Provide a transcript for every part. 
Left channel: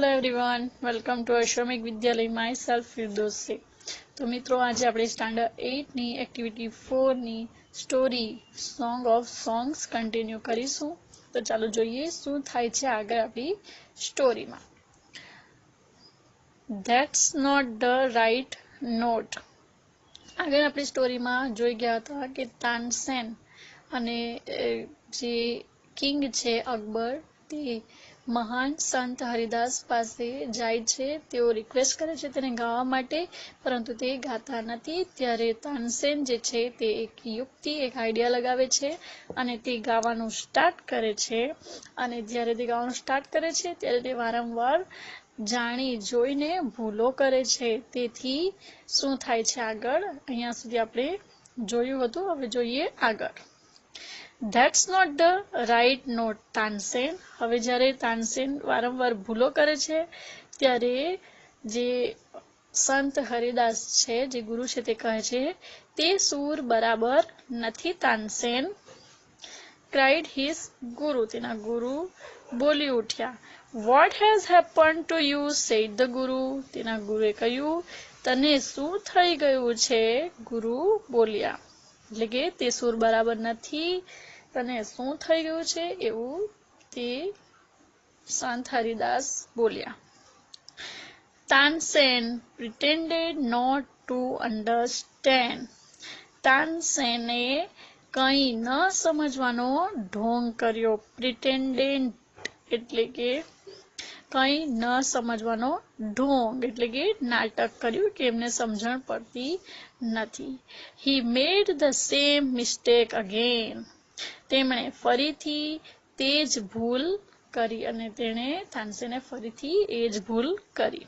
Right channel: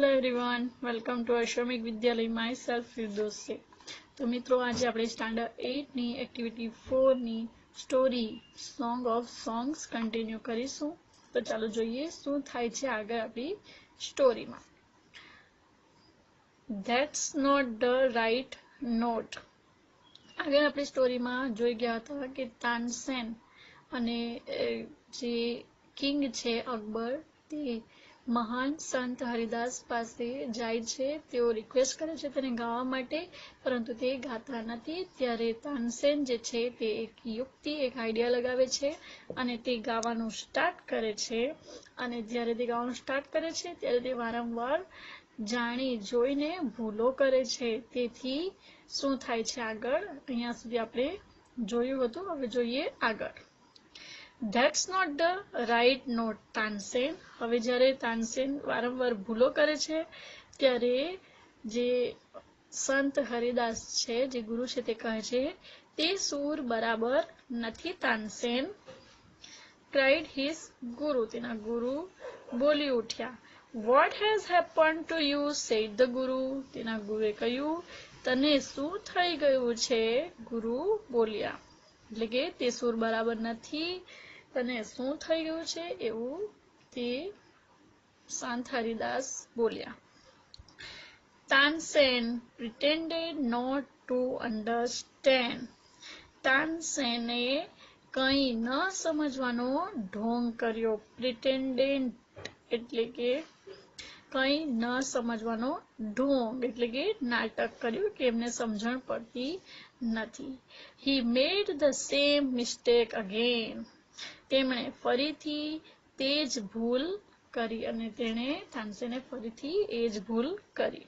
Hello everyone, welcome to Ashwamik Vidyalaya. My self Firdous છે. તો મિત્રો, આજે આપણે સ્ટાન્ડર્ડ 8 ની એક્ટિવિટી 4 ની story song of songs continue કરીશું. તો ચાલો જોઈએ શું થાય છે આગળ આપણી સ્ટોરીમાં. That's not the right note. આગળ આપણી સ્ટોરીમાં જોઈ ગયા હતા કે તાનસેન અને જે કિંગ છે અકબર, તે મહાન સંત હરિદાસ પાસે જાય છે. તેઓ રિક્વેસ્ટ કરે છે તેને ગાવા માટે, પરંતુ તે ગાતા નથી. ત્યારે તાનસેન જે છે તે એક યુક્તિ, એક આઈડિયા લગાવે છે અને તે ગાવાનું સ્ટાર્ટ કરે છે. અને જ્યારે તે ગાવાનું સ્ટાર્ટ કરે છે ત્યારે તે વારંવાર જાણી જોઈને ભૂલો કરે છે. તેથી શું થાય છે આગળ, અહીંયા સુધી આપણે જોયું હતું. હવે જોઈએ આગળ. That's not the right note Tansen. હવે જ્યારે તાનસેન વારંવાર ભૂલો કરે છે ત્યારે જે સંત હરિદાસ છે, જે ગુરુ છે, તે કહે છે તે સૂર બરાબર નથી તાનસેન. ક્રાઇડ હિઝ ગુરુ. તેના ગુરુ બોલી ઉઠ્યા. What has happen to you sad the ગુરુ. તેના ગુરુએ કહ્યું, તને શું થઈ ગયું છે? ગુરુ બોલ્યા, એટલે કે તે સૂર બરાબર નથી, તને શું થઈ ગયું છે, એવું તે સંત હરિદાસ બોલ્યા. Tansen pretended not to understand. તાનસેને કંઈ ન સમજવાનો ઢોંગ કર્યો. pretended એટલે કે કંઈ ન સમજવાનો ઢોંગ એટલે કે નાટક કર્યું કે એમને સમજણ પડતી નથી. He made the same mistake again. તેમણે ફરીથી તે જ ભૂલ કરી અને તાનસેને ફરીથી એ જ ભૂલ કરી.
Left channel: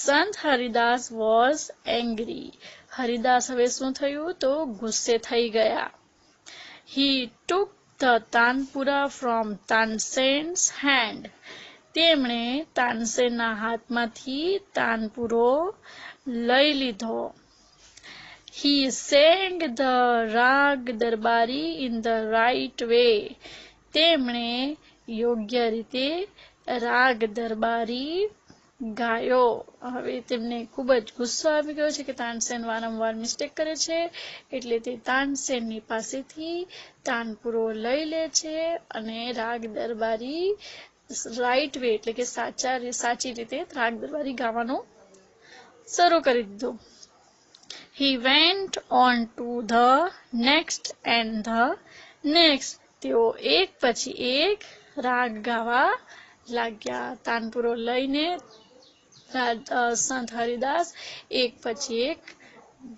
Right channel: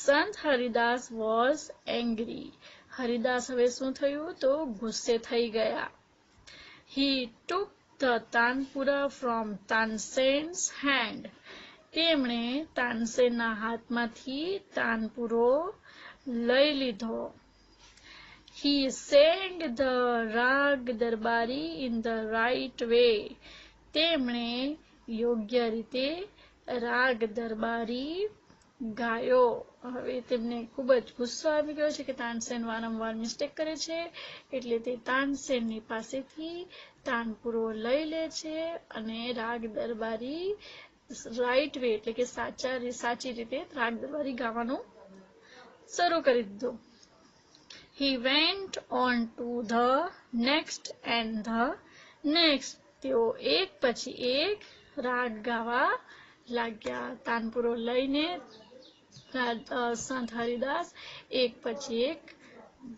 સંત હરિદાસ વોઝ એંગ્રી. હરિદાસ હવે શું થયું તો ગુસ્સે થઈ ગયા. He took the tanpura from તાનસેન્સ hand. તેમણે તાનસેનના હાથમાંથી તાનપુરો લઈ લીધો. He sang the રાગ દરબારી in the right way. તેમણે યોગ્ય રીતે રાગ દરબારી ગાયો. હવે તેમને ખૂબ જ ગુસ્સો આવી ગયો છે કે તાનસેન વારંવાર મિસ્ટેક કરે છે, એટલે તે તાનસેનની પાસેથી તાનપુરો લઈ લે છે અને રાગ દરબારી રાઈટ વે એટલે કે સાચી રીતે રાગ દરબારી ગાવાનું શરૂ કરી દીધું. He went on to the next and the next. તેઓ એક પછી એક રાગ ગાવા લાગ્યા. તાનપુરો લઈને સંત હરિદાસ એક પછી એક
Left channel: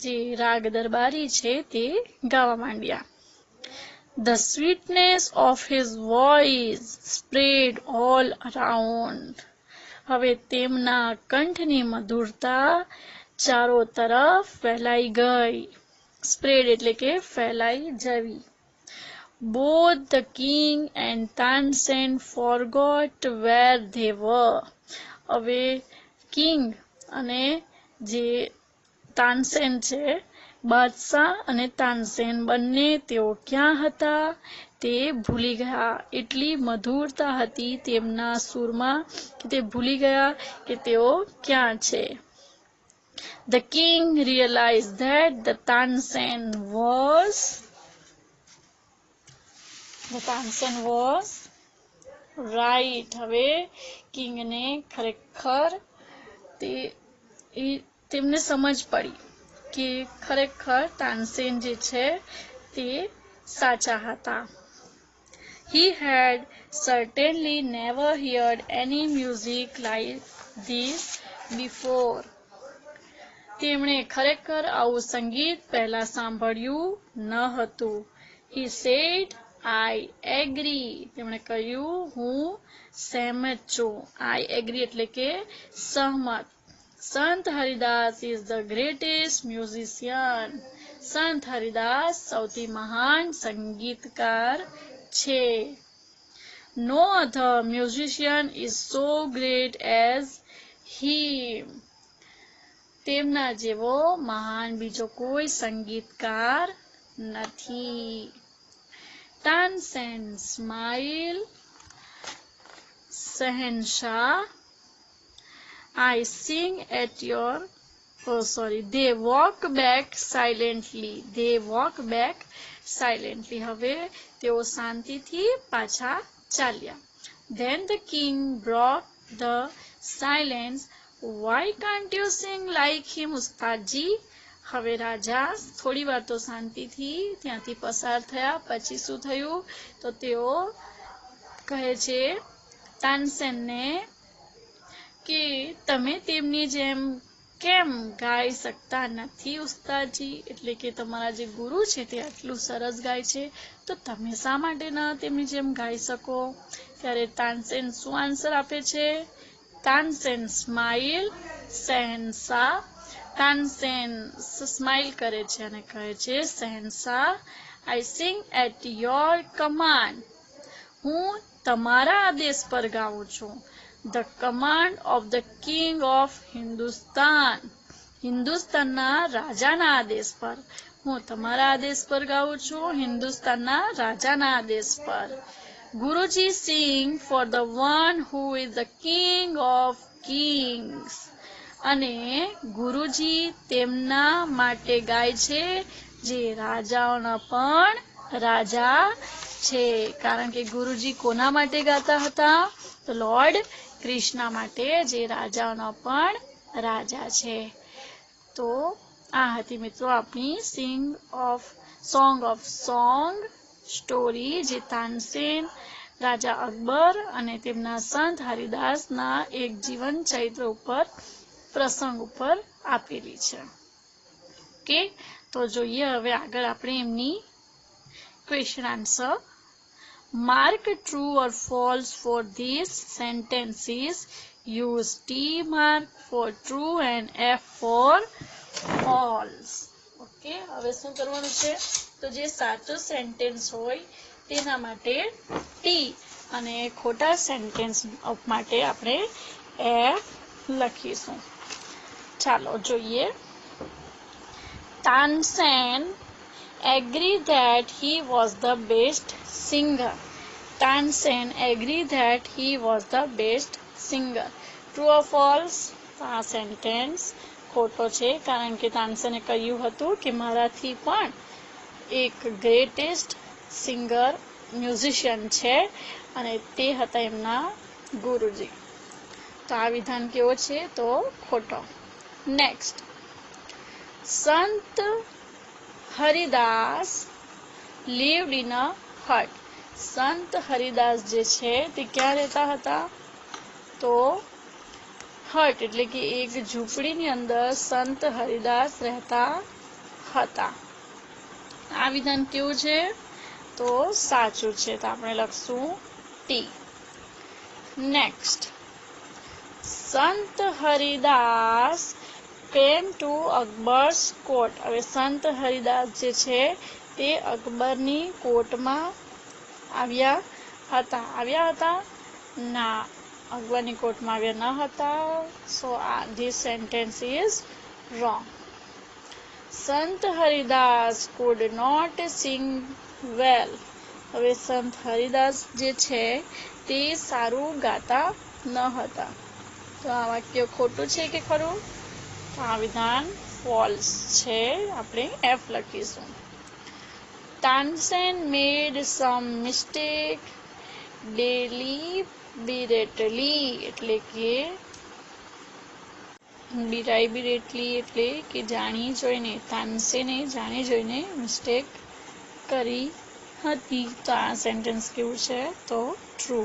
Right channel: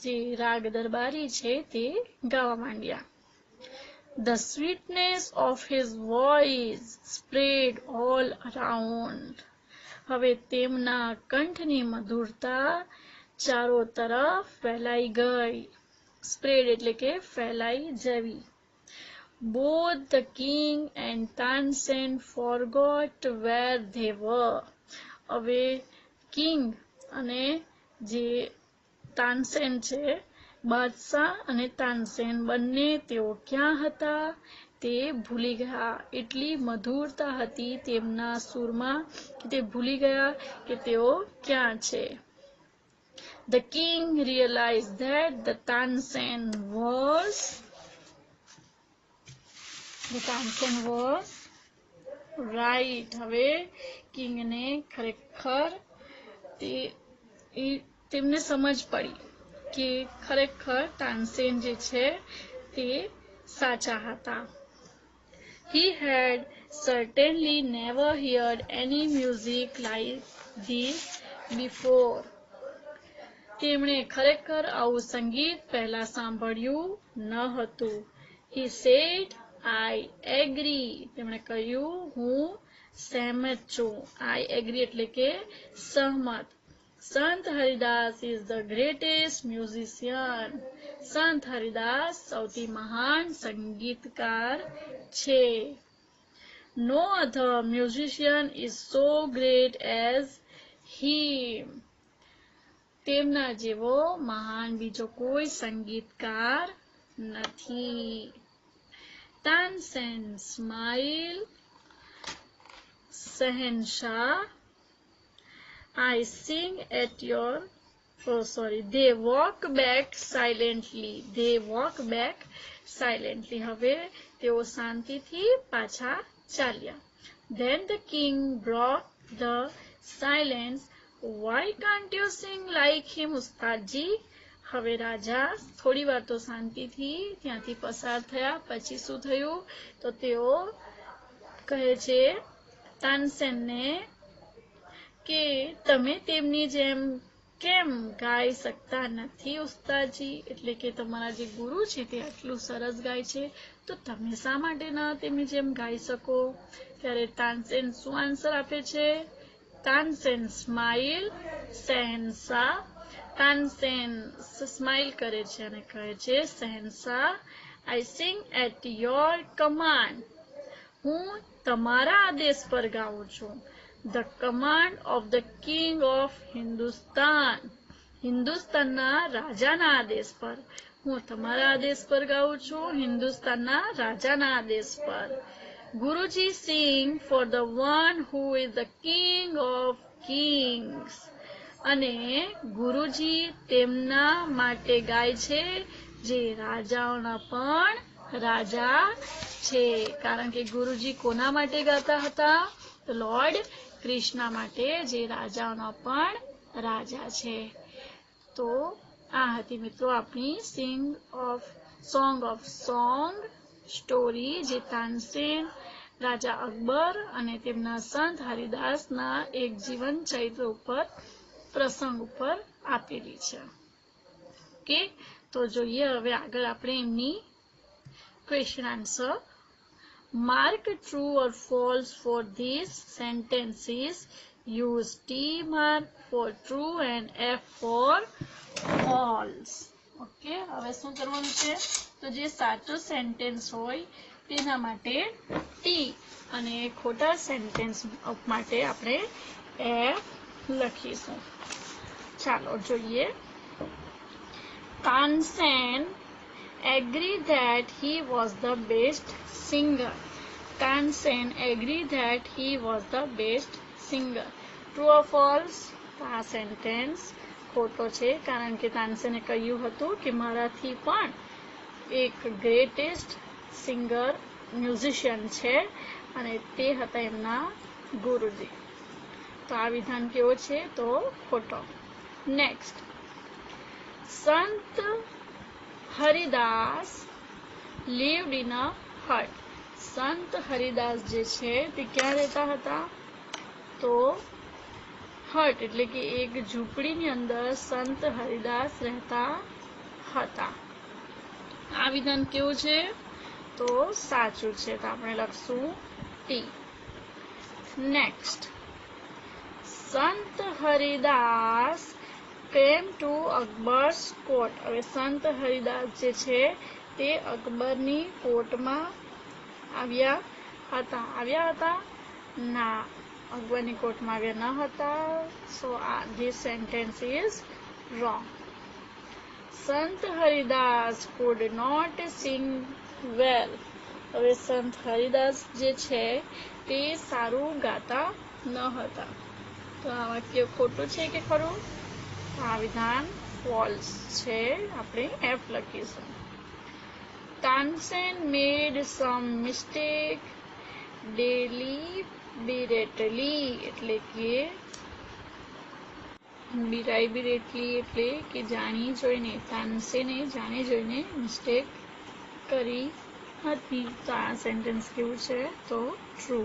જે રાગ દરબારી છે તે ગાવા માંડ્યા. The sweetness of his voice spread all around. હવે તેમના કંઠની મધુરતા ચારો તરફ ફેલાઈ ગઈ. સ્પ્રેડ એટલે કે ફેલાઈ જવી. Both the king and Tansen forgot where they were. હવે કિંગ અને જે તાનસેન છે, બાદશાહ અને તાનસેન બંને તેઓ ક્યાં હતા તે ભૂલી ગયા. એટલી મધુરતા હતી તેમના સૂરમાં કે તે ભૂલી ગયા કે તેઓ ક્યાં છે. The king realized that the Tansen was right. હવે કિંગને ખરેખર તેમને સમજ પડી કે ખરેખર તાનસેન જે છે તે સાચા હતા. He had certainly never heard any music like this before. તેમણે ખરેખર આવું સંગીત પહેલા સાંભળ્યું ન હતું. He said, I agree. તેમણે કહ્યું, હું સહેમત છું. I agree એટલે કે સહમત. સંત Haridas is the greatest musician. સંત હરિદાસ સૌથી મહાન સંગીતકાર છે. No other musician is so great as him. તેમના જેવો મહાન બીજો કોઈ સંગીતકાર નથી. તાનસેન સ્માઇલ. શહેનશાહ I sing at your they walk back silently. They walk back silently. હવે તેઓ શાંતિથી પાછા ચાલ્યા. Then the king broke the silence. Why can't you sing like him, ઉસ્તાદજી? હવે રાજા થોડી વાર તો શાંતિથી ત્યાંથી પસાર થયા. પછી શું થયું? તો તેઓ કહે છે તાનસેનને કે તમે તેમની જેમ કેમ ગાઈ શકતા નથી ઉસ્તાદજી? એટલે કે તમારા જે ગુરુ છે તે આટલું સરસ ગાય છે, તો તમે શા માટે ન તેમની જેમ ગાઈ શકો? ત્યારે તાનસેન શું આન્સર આપે છે? તાનસેન સ્માઇલ શહેનશાહ. તાનસેન સ્માઇલ કરે છે અને કહે છે શહેનશાહ, આઈ સિંગ એટ યોર કમાન્ડ. હું તમારા આદેશ પર ગાઉં છું. The command of the king of Hindustan. હિન્દુસ્તાનના રાજાના આદેશ પર. હું તમારા આદેશ પર ગાઉં છું, હિન્દુસ્તાનના રાજાના આદેશ પર. ગુરુજી sing for the one who is the king of kings. અને ગુરુજી તેમના માટે ગાય છે જે રાજાઓના પણ રાજા છે. કારણ કે ગુરુજી કોના માટે ગાતા હતા? તો લોર્ડ કૃષ્ણ માટે, જે રાજાઓના પણ રાજા છે. તો આ હતી મિત્રો આપણી સોંગ ઓફ સ્ટોરી, જે તાનસેન, રાજા અકબર અને તેમના સંત હરિદાસના એક જીવન ચરિત્ર ઉપર, પ્રસંગ ઉપર આપેલી છે. ઓકે, તો જોઈએ હવે આગળ આપણે એમની question answer. Mark true or false for these sentences. Use T mark for true and F for false. Okay, હવે શું કરવાનું છે? તો જે સાચો સેન્ટેન્સ હોય તેના માટે T અને ખોટા સેન્ટેન્સ માટે આપણે F લખીશું. ચાલો જોઈએ. Tansen agreed that he was the best singer. Tansen agreed that he was the best singer. True or false? આ સેન્ટેન્સ ખોટો છે, કારણ કે તાનસેને કહ્યું હતું કે મારાથી પણ એક ગ્રેટેસ્ટ સિંગર, મ્યુઝિશિયન છે અને તે હતા એમના ગુરુજી. તો આ વિધાન કેવો છે? તો ખોટો. નેક્સ્ટ, સંત Haridas lived in a hut. સંત હરિદાસ જે છે તે ક્યાં રહેતા હતા? તો હટ એટલે કે એક ઝૂંપડીની અંદર સંત હરિદાસ રહેતા હતા. આ વિધાન કેવું છે? તો સાચું છે. તો આપણે લખશું ટી. નેક્સ્ટ, સંત Haridas came to Akbar's court. હવે સંત હરિદાસ જે છે તે અકબરની કોર્ટમાં આવ્યા હતા? ના, અકબરની કોર્ટમાં આવ્યા ન હતા. સો this sentence is wrong. સંત Haridas could not sing well. હવે સંત હરિદાસ જે છે તે સારું ગાતા ન હતા. તો આ વાક્ય ખોટું છે કે ખરું? આ વિધાન ફોલ્સ છે. આપણે F લખીશું. Tansen made some mistake deliberately. એટલે કે deliberately એટલે કે જાણી જોઈને. તાનસેને જાણી જોઈને મિસ્ટેક કરી હતી. તો આ સેન્ટેન્સ કેવું છે? તો true.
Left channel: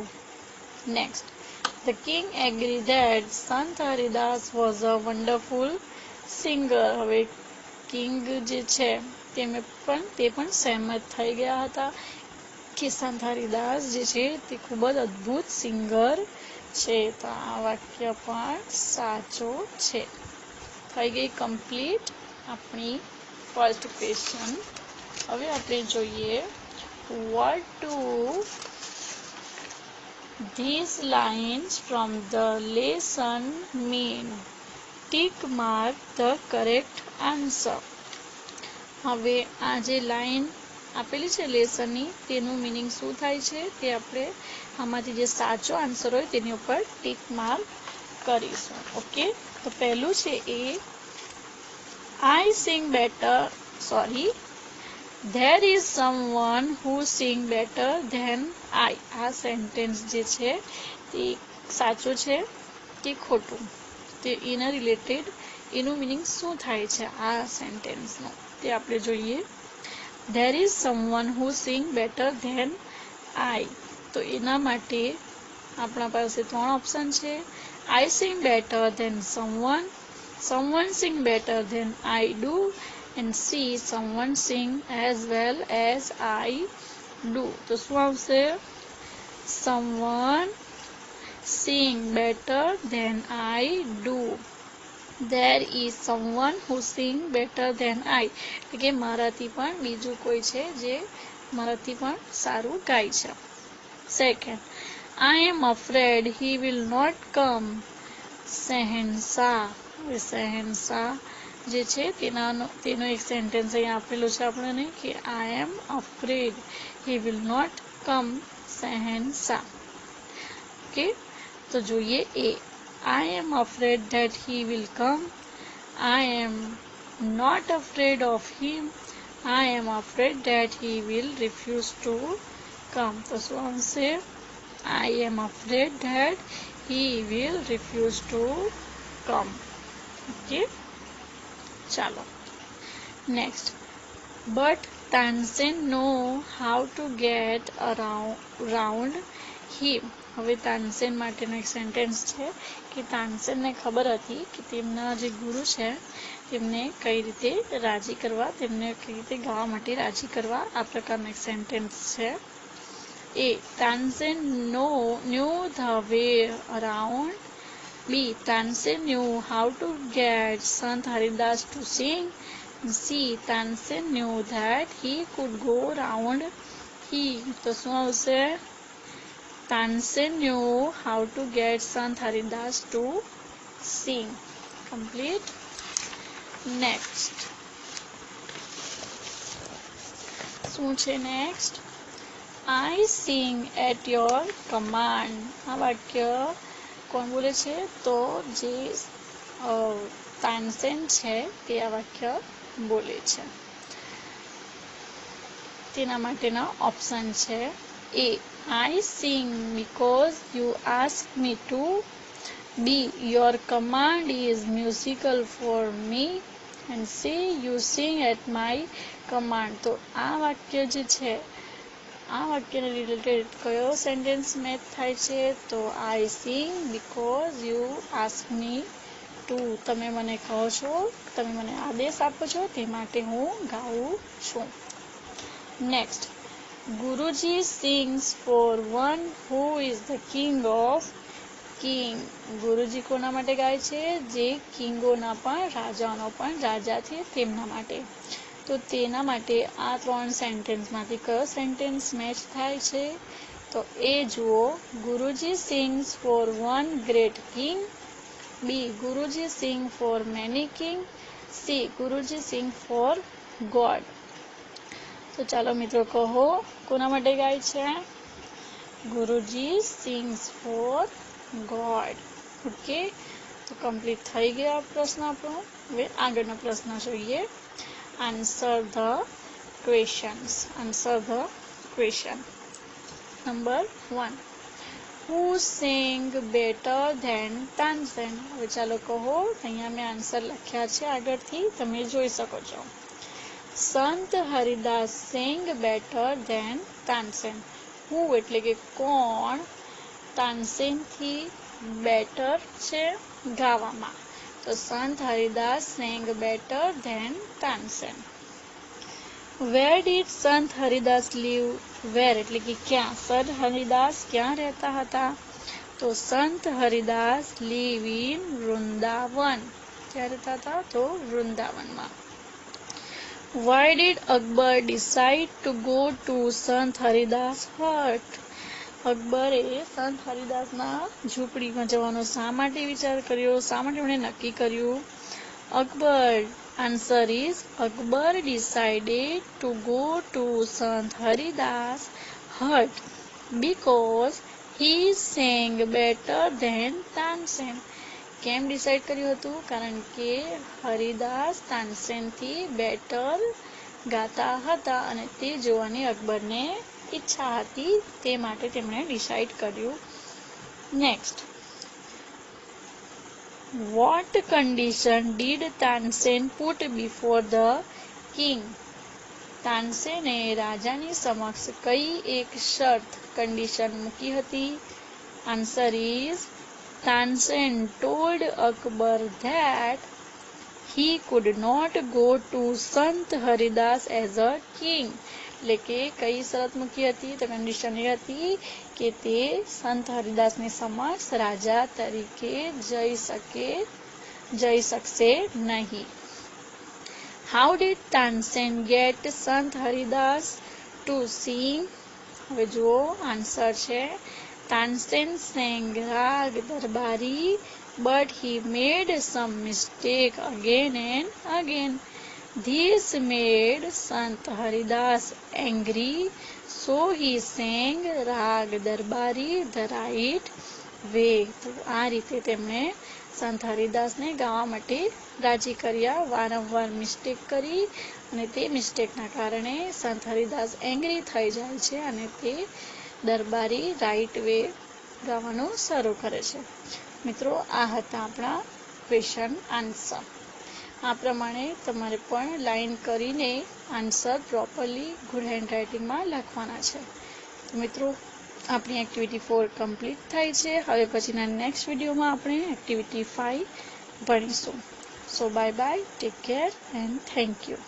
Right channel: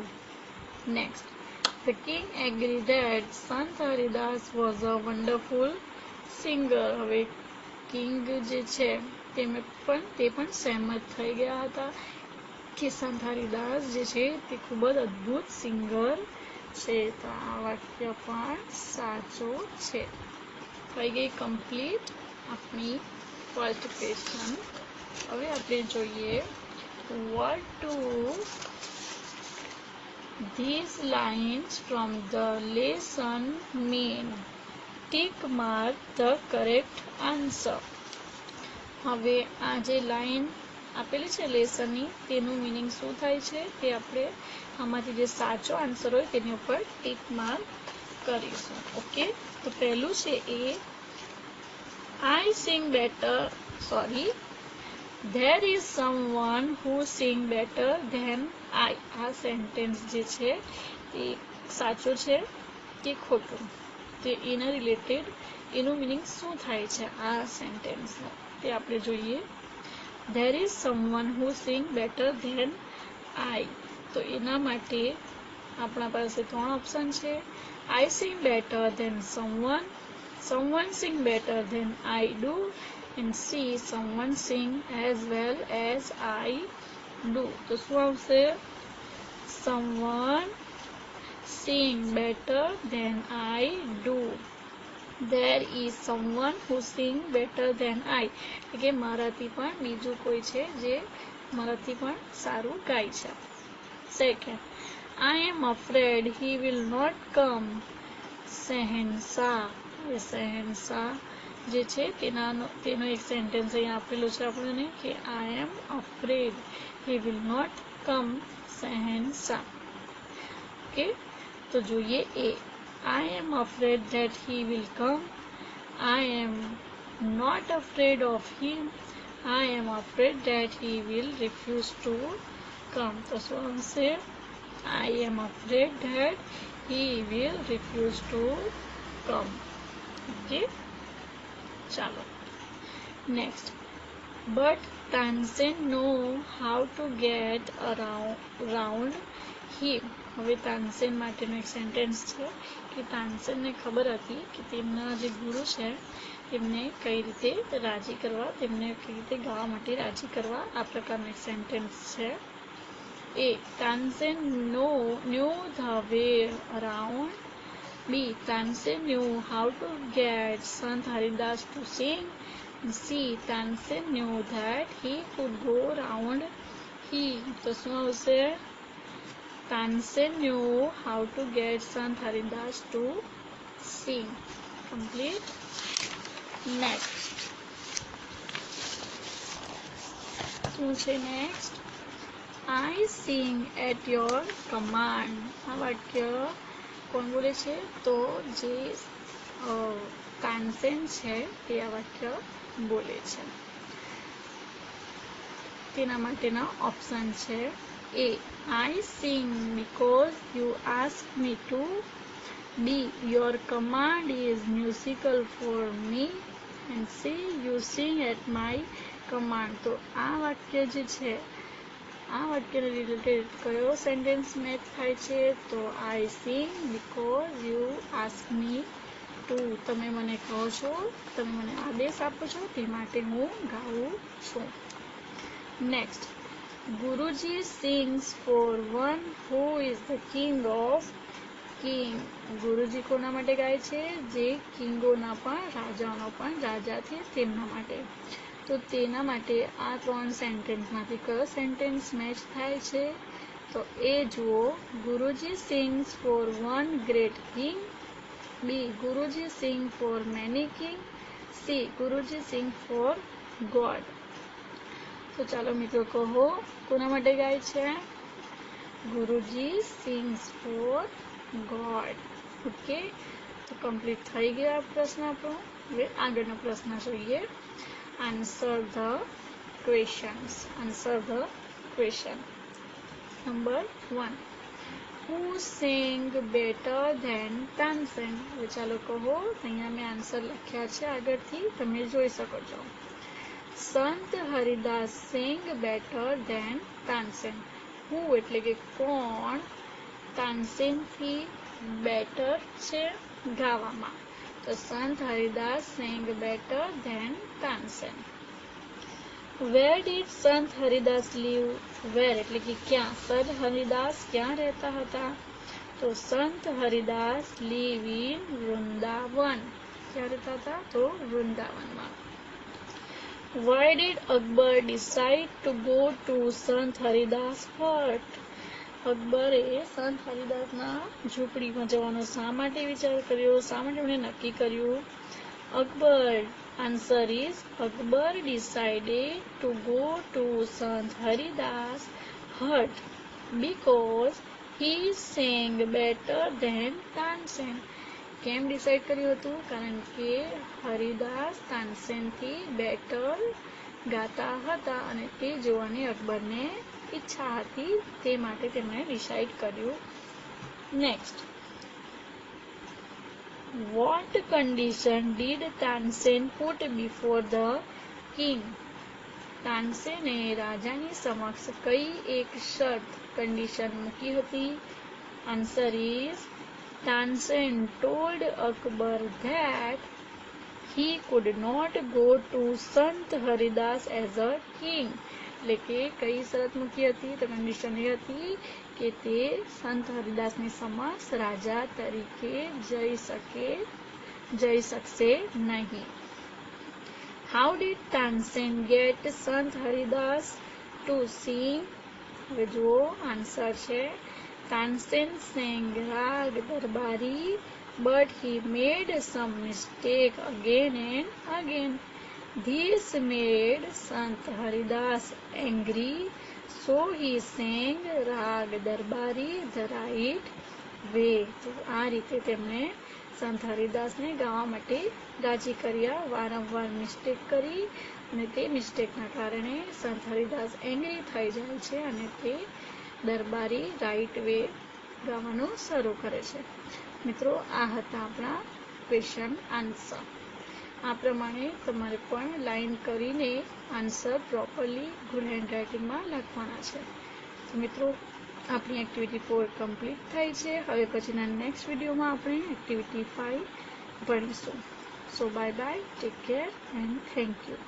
Next, The king agreed that Sant Haridas was a wonderful singer. હવે કિંગ જે છે તે પણ સહેમત થઈ ગયા હતા કે સંત હરિદાસ જે છે તે ખૂબ જ અદ્ભુત સિંગર છે. તો આ વાક્ય પણ સાચો છે. થઈ ગઈ કમ્પ્લીટ આપણી ફર્સ્ટ ક્વેશ્ચન. હવે આપણે જોઈએ what do these lines from the lesson mean? Tick mark the correct answer. હવે આ જે લાઈન આપેલી છે લેસનની તેનું મીનિંગ શું થાય છે તે આપણે આમાંથી જે સાચો આન્સર હોય તેની ઉપર ટીક માર્ક કરીશું. ઓકે, તો પહેલું છે એ I sing better, sorry, there is someone who sing better than I. આ સેન્ટેન્સ જે છે તે સાચું છે કે ખોટું, તે એના રિલેટેડ એનું મિનિંગ શું થાય છે આ સેન્ટેન્સનું તે આપણે જોઈએ. There is someone who sing better than I. તો એના માટે આપણા પાસે 3 ઓપ્શન છે. I sing better than someone, someone sing better than I do, and C, someone sing as well as I do. તો શું આવશે? Someone sing better than I do. There is someone who sing better than I. એટલે કે મારાથી પણ બીજું કોઈ છે જે મારાથી પણ સારું ગાય છે. Second, I am afraid he will not come. શહેનશાહ. શહેનશાહ જે છે તેનો એક સેન્ટેન્સ અહીં આપેલો છે આપણને કે I am afraid he will not come. શહેનશાહ. ઓકે, તો જોઈએ એ. I am afraid that he will come. I am not afraid of him. I am afraid that he will refuse to come. તો શું આવશે? I am afraid that he will refuse to come. Okay, ચાલો next. But Tansen know how to get around him. હવે તાનસેન માટેનો એક sentence છે કે તાનસેનને ખબર હતી કે તેમના જે ગુરુ છે તેમને કઈ રીતે રાજી કરવા, તેમને કઈ રીતે ગાવા માટે રાજી કરવા. આ પ્રકારનો એક સેન્ટેન્સ છે. A, Tansen knew the way around. B, Tansen knew how to get Sant Haridas to sing. C, Tansen knew that he could go round him. તો શું આવશે? Tansen knew how to get Sant Haridas to sing. Complete. Next. શું છે next? I sing at your command. આ વાક્ય કોણ બોલે છે? તો જે તાનસેન છે તે આ વાક્ય બોલે છે. તેના માટેના ઓપ્શન છે A, I sing because you asked me to. B, your command is musical for me. And C, you sing at my command. તો આ વાક્ય જે છે આ વાક્યને રિલેટેડ કયો સેન્ટેન્સ મેચ થાય છે? તો I sing because you ask me to. તમે મને કહો છો, તમે મને આદેશ આપો છો તે માટે હું ગાઉં છું. Next. Guruji sings for one who is the king of king. ગુરુજી કોના માટે ગાય છે? જે કિંગોના પણ, રાજાઓનો પણ રાજા છે તેમના માટે. તો તેના માટે આ 3 સેન્ટેન્સમાંથી કયો સેન્ટેન્સ મેચ થાય છે? તો એ જુઓ. Guruji sings for one great king. B, Guruji sing for many king. C, Guruji sing for god. તો ચાલો મિત્રો કહો કોના માટે ગાય છે? Guruji sings for god. Okay, તો કમ્પ્લીટ થઈ ગયો આ પ્રશ્ન આપણો. હવે આગળનો પ્રશ્ન જોઈએ. Answer the questions. Answer the question. Number 1, who sing better than Tansen? હવે ચાલો કહો. અહીંયા મેં આન્સર લખ્યા છે આગળથી, તમે જોઈ શકો છો. Sant Haridas sing better than Tansen. Who એટલે કે કોણ તાનસેનથી બેટર છે ગાવામાં? તો Sant Haridas sing better than Tansen. Where did Sant Haridas leave? વેર એટલે કે ક્યાં? સંત હરિદાસ ક્યાં રહેતા હતા? તો સંત હરિદાસ લીવ ઇન વૃંદાવન. ક્યાં રહેતા હતા? તો વૃંદાવનમાં. Why did Akbar decide to go to Sant Haridas hut? અકબરે સંત હરિદાસના ઝૂંપડીમાં જવાનો શા માટે વિચાર કર્યો? શા માટે એમણે નક્કી કર્યું? Akbar. Answer is Akbar decided to go to Sant Haridas hut because he sang better than Tansen. કેમ ડિસાઈડ કર્યું હતું? કારણ કે હરિદાસ તાનસેનથી બેટર ગાતા હતા અને તે જોવાની અકબરને ઈચ્છા હતી, તે માટે તેમણે ડિસાઈડ કર્યું. Next, what condition did Tansen put before the king? તાનસેને રાજાની સમક્ષ કઈ એક શરત કન્ડિશન મૂકી હતી? Answer is Tansen told Akbar that he could not go to Sant Haridas as a king. એટલે કે કઈ શરત મૂકી હતી? તો કન્ડિશન એ હતી કે તે સંત હરિદાસની સમક્ષ રાજા તરીકે જઈ શકશે નહીં. How did Tansen get Sant Haridas to sing? હવે જુઓ, આન્સર છે Tansen sang રાગ દરબારી, but he made some mistake again and again. This made Sant Haridas angry, so he sang રાગ દરબારી the right way. તો આ રીતે તેમણે સંત હરિદાસને ગાવા માટે રાજી કર્યા. વારંવાર મિસ્ટેક કરી અને તે મિસ્ટેકના કારણે સંત હરિદાસ એંગ્રી થઈ જાય છે અને તે દરબારી રાઈટ વે ગાવાનું શરૂ કરે છે. મિત્રો, આ હતા આપણા ક્વેશ્ચન આન્સર. આ પ્રમાણે તમારે પણ લાઈન કરીને આન્સર પ્રોપરલી ગુડ હેન્ડરાઇટિંગમાં લખવાના છે. મિત્રો, આપણી એક્ટિવિટી 4 કમ્પ્લીટ થાય છે. હવે પછીના નેક્સ્ટ વિડીયોમાં આપણે એક્ટિવિટી 5 ભણીશું. So bye bye, take care and thank you.